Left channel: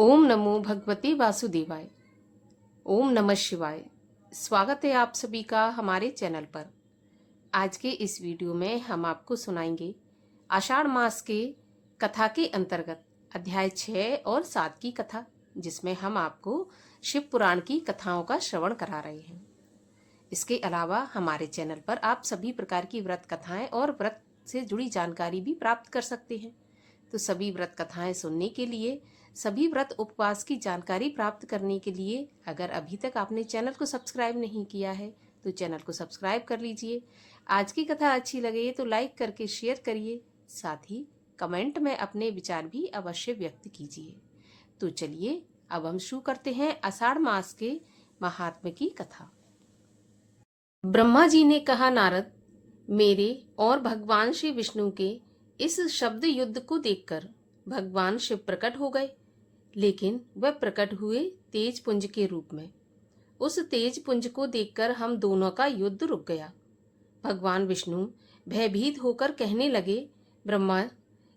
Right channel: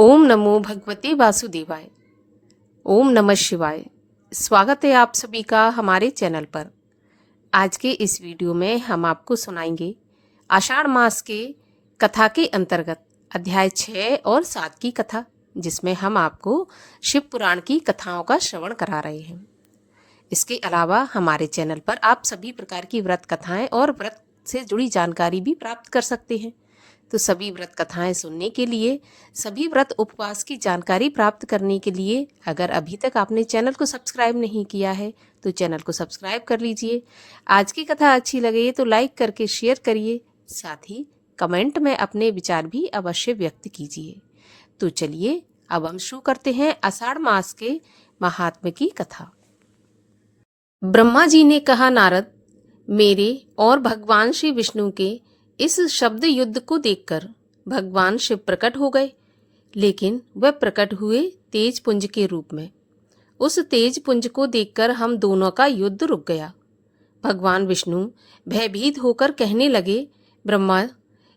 ओम नमो भगवते वासुदेवाय। ओम नमः शिवाय। स्वागत है आप सभी का हमारे चैनल पर। आज के इस वीडियो में हम आपको सुनाएंगे आषाढ़ मास के कथा के अंतर्गत अध्याय 6 और 7 की कथा, जिसमें हम आपको शिव पुराण की कथाओं का श्रवण करा रहे हैं। इसके अलावा हमारे चैनल पर आप सभी प्रकार की व्रत कथाएं और व्रत से जुड़ी जानकारी भी प्राप्त कर सकते हैं। तो सभी व्रत कथाएं सुनने के लिए, सभी व्रत उपवास की जानकारी प्राप्त करने के लिए अगर अभी तक आपने चैनल को सब्सक्राइब नहीं किया है तो चैनल को सब्सक्राइब कर लीजिए। आज की कथा अच्छी लगे तो लाइक करके शेयर करिए, साथ ही कमेंट में अपने विचार भी अवश्य व्यक्त कीजिए। तो चलिए अब हम शुरू करते हैं आषाढ़ मास के महात्म्य की कथा। ब्रह्मा जी ने कहा, नारद, मेरे और भगवान श्री विष्णु के इस शब्द युद्ध को देखकर भगवान शिव प्रकट हो गए, लेकिन वह प्रकट हुए तेज पुंज के रूप में। उस तेज पुंज को देखकर हम दोनों का युद्ध रुक गया। भगवान विष्णु भयभीत होकर कहने लगे, ब्रह्मा,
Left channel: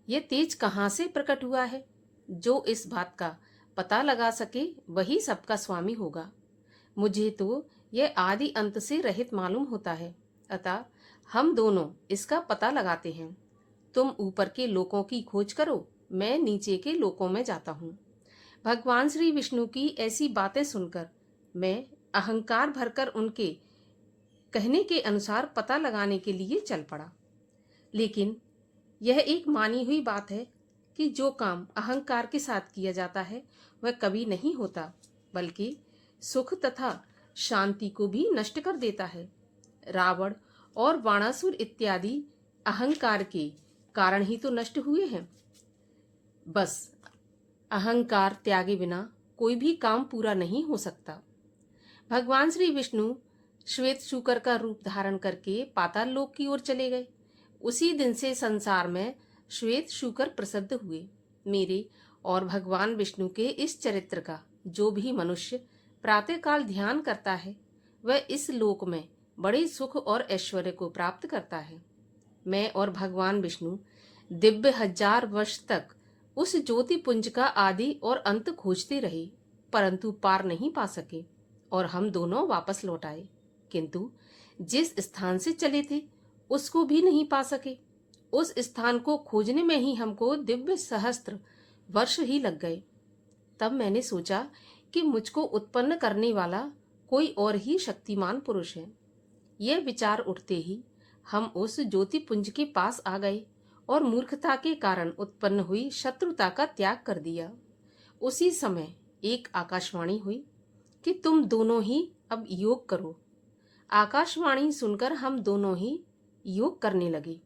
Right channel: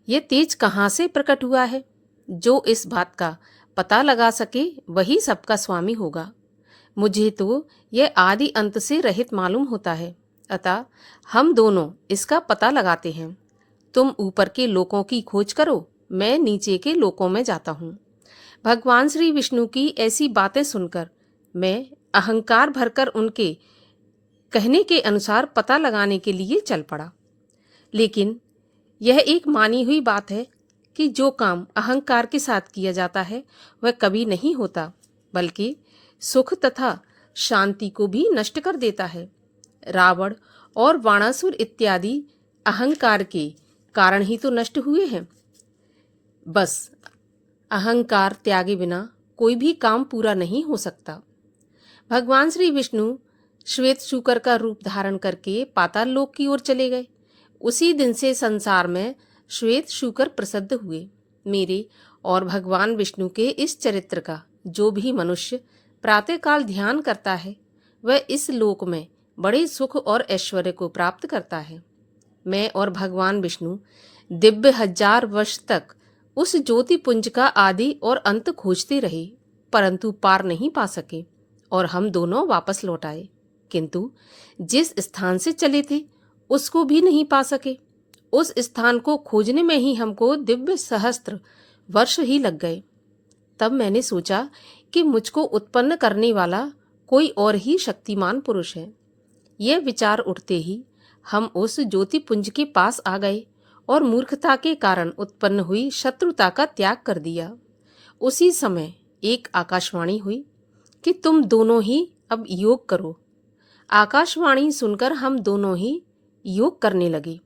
ये तेज कहाँ से प्रकट हुआ है? जो इस बात का पता लगा सके वही सबका स्वामी होगा। मुझे तो यह आदि अंत से रहित मालूम होता है, अतः हम दोनों इसका पता लगाते हैं। तुम ऊपर के लोकों की खोज करो, मैं नीचे के लोकों में जाता हूँ। भगवान श्री विष्णु की ऐसी बातें सुनकर मैं अहंकार भरकर उनके कहने के अनुसार पता लगाने के लिए चल पड़ा। लेकिन यह एक मानी हुई बात है कि जो काम अहंकार के साथ किया जाता है वह कभी नहीं होता, बल्कि सुख तथा शांति को भी नष्ट कर देता है। रावण और वाणासुर इत्यादि अहंकार के कारण ही तो नष्ट हुए हैं। बस अहंकार त्यागे बिना कोई भी काम पूरा नहीं हो सकता। भगवान श्री विष्णु श्वेत शूकर का रूप धारण करके पाताल लोक की ओर चले गए। उसी दिन से संसार में श्वेत शूकर प्रसिद्ध हुए। मेरे और भगवान विष्णु के इस चरित्र का जो भी मनुष्य प्रातःकाल ध्यान करता है वह इस लोक में बड़े सुख और ऐश्वर्य को प्राप्त करता है। मैं और भगवान विष्णु दिव्य 1000 वर्ष तक उस ज्योति पुंज का आदि और अंत खोजते रहे, परंतु पार नहीं पा सके और हम दोनों वापस लौट आए, किंतु जिस स्थान से चले थे उसको भी नहीं पा सके। उस स्थान को खोजने में ही हमको दिव्य सहस्त्र वर्ष ही लग गए। तब मैंने सोचा कि मुझको उत्पन्न करने वाला कोई और ही शक्तिमान पुरुष है। यह विचार उठते ही हम उस ज्योति पुंज के पास आ गए और मूर्खता के कारण उत्पन्न हुई शत्रुता का त्याग कर दिया। उसी समय एक आकाशवाणी हुई कि तुम दोनों ही अब योग करो। आकाशवाणी सुनकर हम दोनों ही योग करने लगे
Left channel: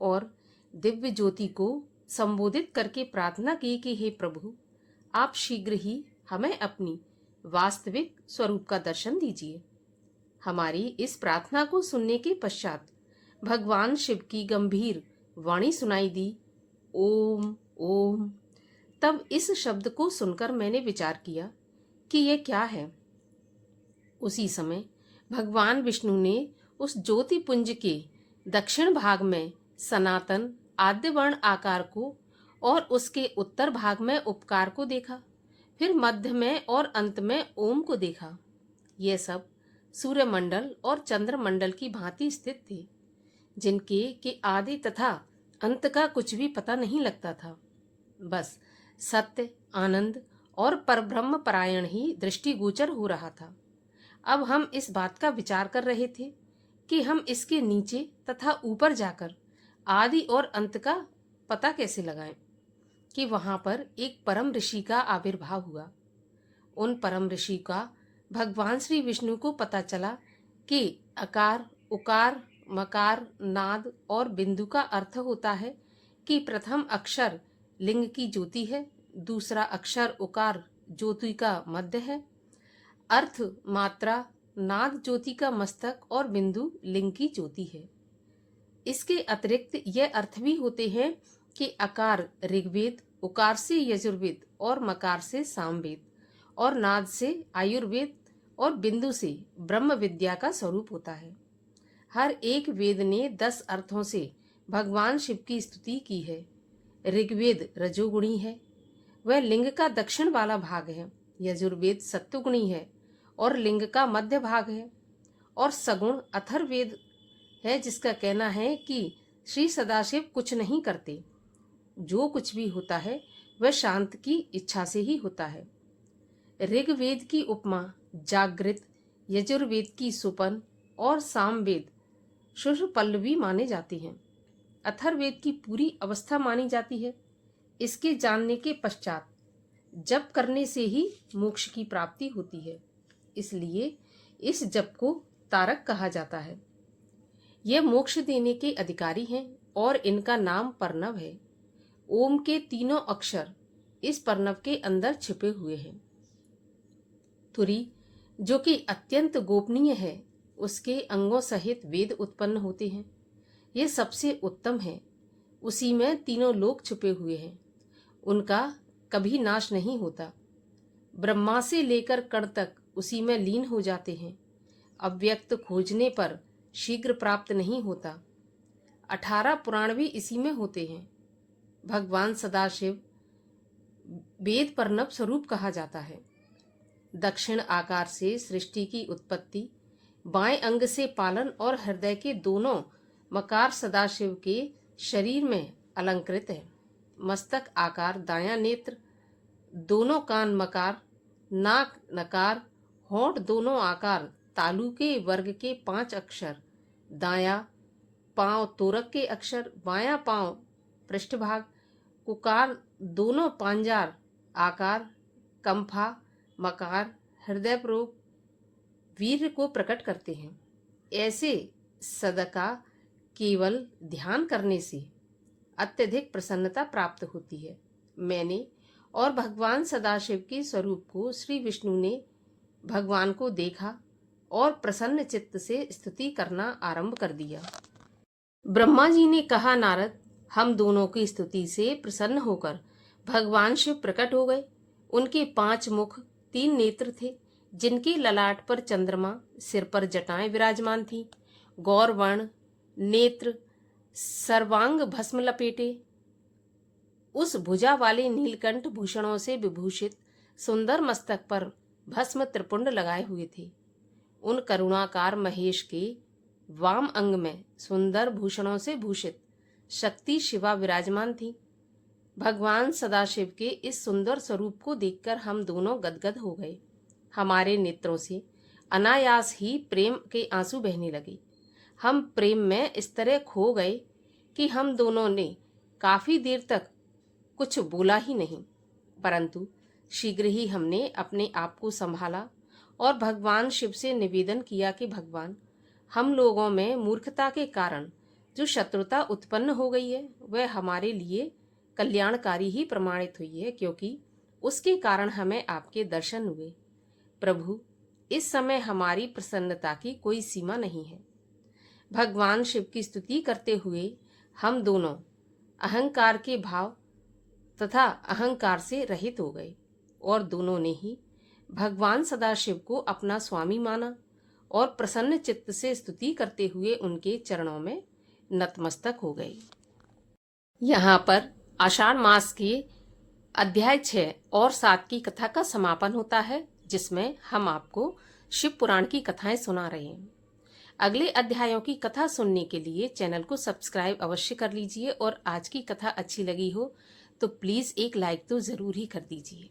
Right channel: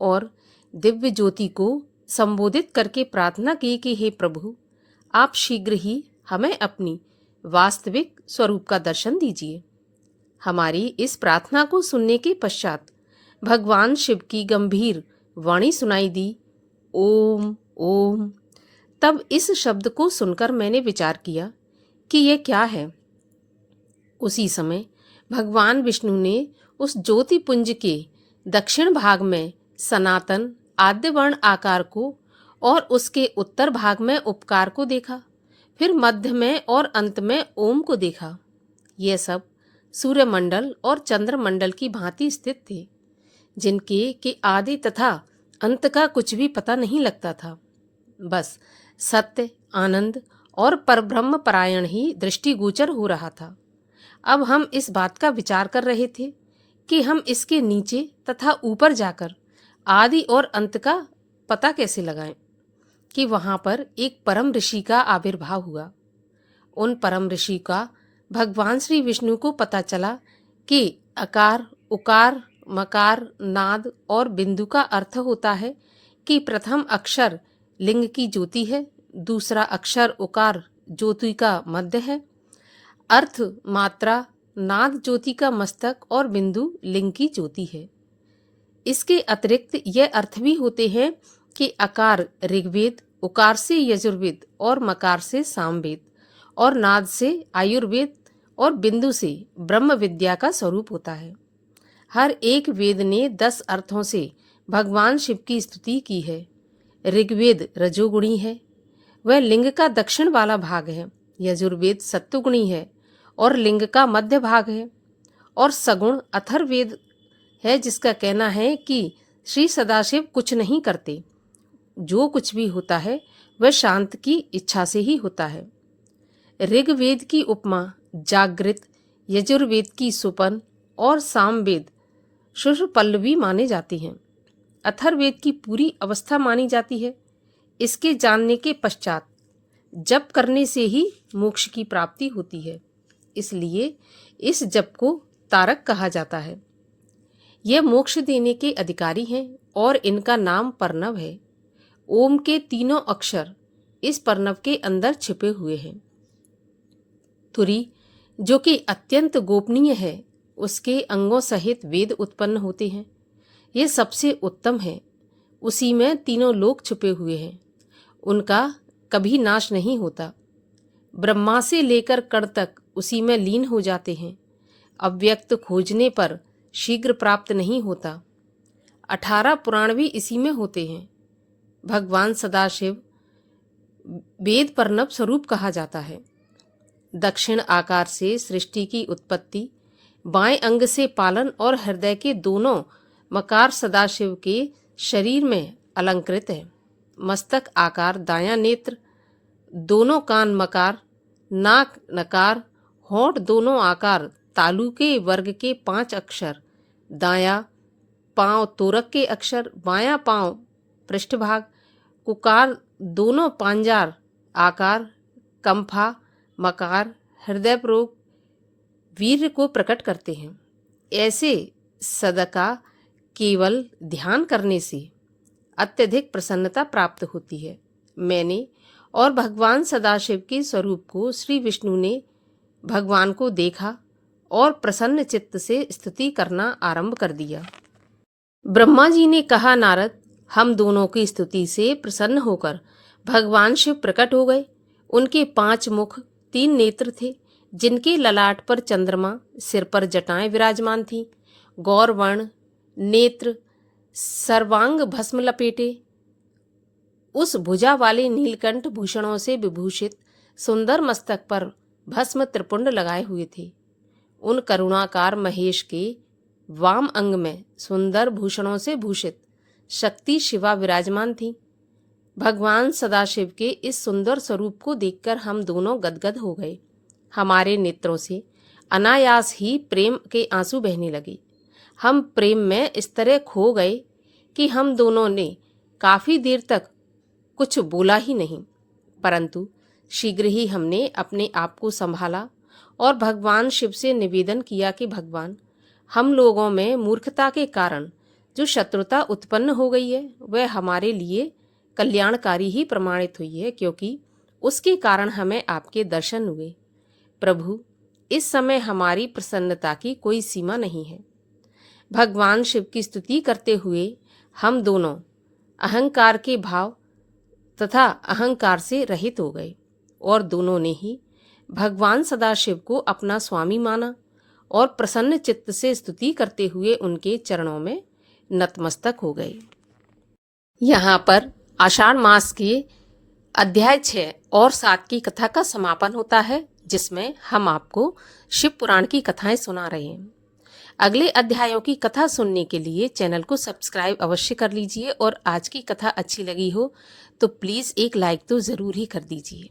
और दिव्य ज्योति को संबोधित करके प्रार्थना की कि हे प्रभु, आप शीघ्र ही हमें अपनी वास्तविक स्वरूप का दर्शन दीजिए। हमारी इस प्रार्थना को सुनने के पश्चात भगवान शिव की गंभीर वाणी सुनाई दी, ओम ओम। तब इस शब्द को सुनकर मैंने विचार किया कि यह क्या है। उसी समय भगवान विष्णु ने उस ज्योति पुंज के दक्षिण भाग में सनातन आद्यवर्ण आकार को और उसके उत्तर भाग में उपकार को देखा, फिर मध्य में और अंत में ओम को देखा। यह सब सूर्यमंडल और चंद्रमंडल की भांति स्थित थे, जिनके के आदि तथा अंत का कुछ भी पता नहीं लगता था। बस सत्य, आनंद और परब्रह्म परायण ही दृष्टिगोचर हो रहा था। अब हम इस बात का विचार कर रहे थे कि हम इसके नीचे तथा ऊपर जाकर आदि और अंत का पता कैसे लगाएं, कि वहां पर एक परम ऋषि का आविर्भाव हुआ। उन परम ऋषि का भगवान श्री विष्णु को पता चला कि अकार, उकार, मकार, नाद और बिंदु का अर्थ होता है कि प्रथम अक्षर लिंग की ज्योति है, दूसरा अक्षर उकार ज्योति का मध्य है, अर्थ मात्रा नाद ज्योति का मस्तक और बिंदु लिंग की ज्योति है। इसके अतिरिक्त यह अर्थ भी होते हैं कि अकार ऋग्वेद, उकार से यजुर्वेद और मकार से सामवेद और नाद से आयुर्वेद और बिंदु से ब्रह्म विद्या का स्वरूप होता है। हर एक वेद ने 10 अर्थों से भगवान शिव की स्तुति की है। ऋग्वेद रजोगुणी है, वह लिंग का दक्षिण वाला भाग है। यजुर्वेद सत्वगुणी है और लिंग का मध्य भाग है। और सगुण अथर्ववेद है, जिसका कहना है कि श्री सदाशिव कुछ नहीं करते, जो कुछ भी होता है वह शांत की इच्छा से ही होता है। ऋग्वेद की उपमा जागृत, यजुर्वेद की सुपन और सामवेद शुष्पल्लवी माने जाती हैं। अथर्ववेद की पूरी अवस्था मानी जाती है। इसके जानने के पश्चात जप करने से ही मोक्ष की प्राप्ति होती है, इसलिए इस जप को तारक कहा जाता है। यह मोक्ष देने के अधिकारी हैं और इनका नाम पर्णव है। ओम के तीनों अक्षर इस पर्णव के अंदर छिपे हुए हैं। तुरी, जो कि अत्यंत गोपनीय है, उसके अंगों सहित वेद उत्पन्न होते हैं। यह सबसे उत्तम है। उसी में तीनों लोक छुपे हुए हैं, उनका कभी नाश नहीं होता। ब्रह्मा से लेकर कण तक उसी में लीन हो जाते हैं। अव्यक्त खोजने पर शीघ्र प्राप्त नहीं होता। 18 पुराण भी इसी में होते हैं। भगवान सदाशिव वेद पर्णव स्वरूप कहा जाता है। दक्षिण आकार से सृष्टि की उत्पत्ति, बाएं अंग से पालन और हृदय के दोनों मकार सदाशिव के शरीर में अलंकृत है। मस्तक आकार दायां नेत्र, दोनों कान मकार, नाक नकार, होंठ दोनों आकार तालु के वर्ग के 5 अक्षर, दायां पांव तोरक के अक्षर, बायां पांव पृष्ठभाग, कुकार दोनों पांजार आकार, कंफा मकार, हृदय प्रोग वीर्य को प्रकट करते हैं। ऐसे सदका केवल ध्यान करने से अत्यधिक प्रसन्नता प्राप्त होती है। मैंने और भगवान सदाशिव के स्वरूप को श्री विष्णु ने भगवान को देखा और प्रसन्न चित्त से स्तुति करना आरंभ कर दिया। ब्रह्मा जी ने कहा, नारद, हम दोनों की स्तुति से प्रसन्न होकर भगवान शिव प्रकट हो गए। उनके 5 मुख, 3 नेत्र थे, जिनके ललाट पर चंद्रमा, सिर पर जटाएं विराजमान थीं। गौरवर्ण नेत्र, सर्वांग भस्म लपेटे, उस भुजा वाले नीलकंठ भूषणों से विभूषित सुंदर मस्तक पर भस्म त्रिपुंड लगाए हुए थे। उन करुणाकार महेश के वाम अंग में सुंदर भूषणों से भूषित शक्ति शिवा विराजमान थी। भगवान सदाशिव के इस सुंदर स्वरूप को देखकर हम दोनों गदगद हो गए। हमारे नेत्रों से अनायास ही प्रेम के आंसू बहने लगे। हम प्रेम में इस तरह खो गए कि हम दोनों ने काफी देर तक कुछ बोला ही नहीं, परंतु शीघ्र ही हमने अपने आप को संभाला और भगवान शिव से निवेदन किया कि भगवान, हम लोगों में मूर्खता के कारण जो शत्रुता उत्पन्न हो गई है वह हमारे लिए कल्याणकारी ही प्रमाणित हुई है, क्योंकि उसके कारण हमें आपके दर्शन हुए। प्रभु, इस समय हमारी प्रसन्नता की कोई सीमा नहीं है। भगवान शिव की स्तुति करते हुए हम दोनों अहंकार के भाव तथा अहंकार से रहित हो गए और दोनों ने ही भगवान सदाशिव को अपना स्वामी माना और प्रसन्न चित्त से स्तुति करते हुए उनके चरणों में नतमस्तक हो गए। यहाँ पर आषाढ़ मास के अध्याय 6 और 7 की कथा का समापन होता है, जिसमें हम आपको शिव पुराण की कथाएं सुना रहे हैं। अगले अध्यायों की कथा सुनने के लिए चैनल को सब्सक्राइब अवश्य कर लीजिए और आज की कथा अच्छी लगी हो तो प्लीज़ एक लाइक तो ज़रूर ही कर दीजिए।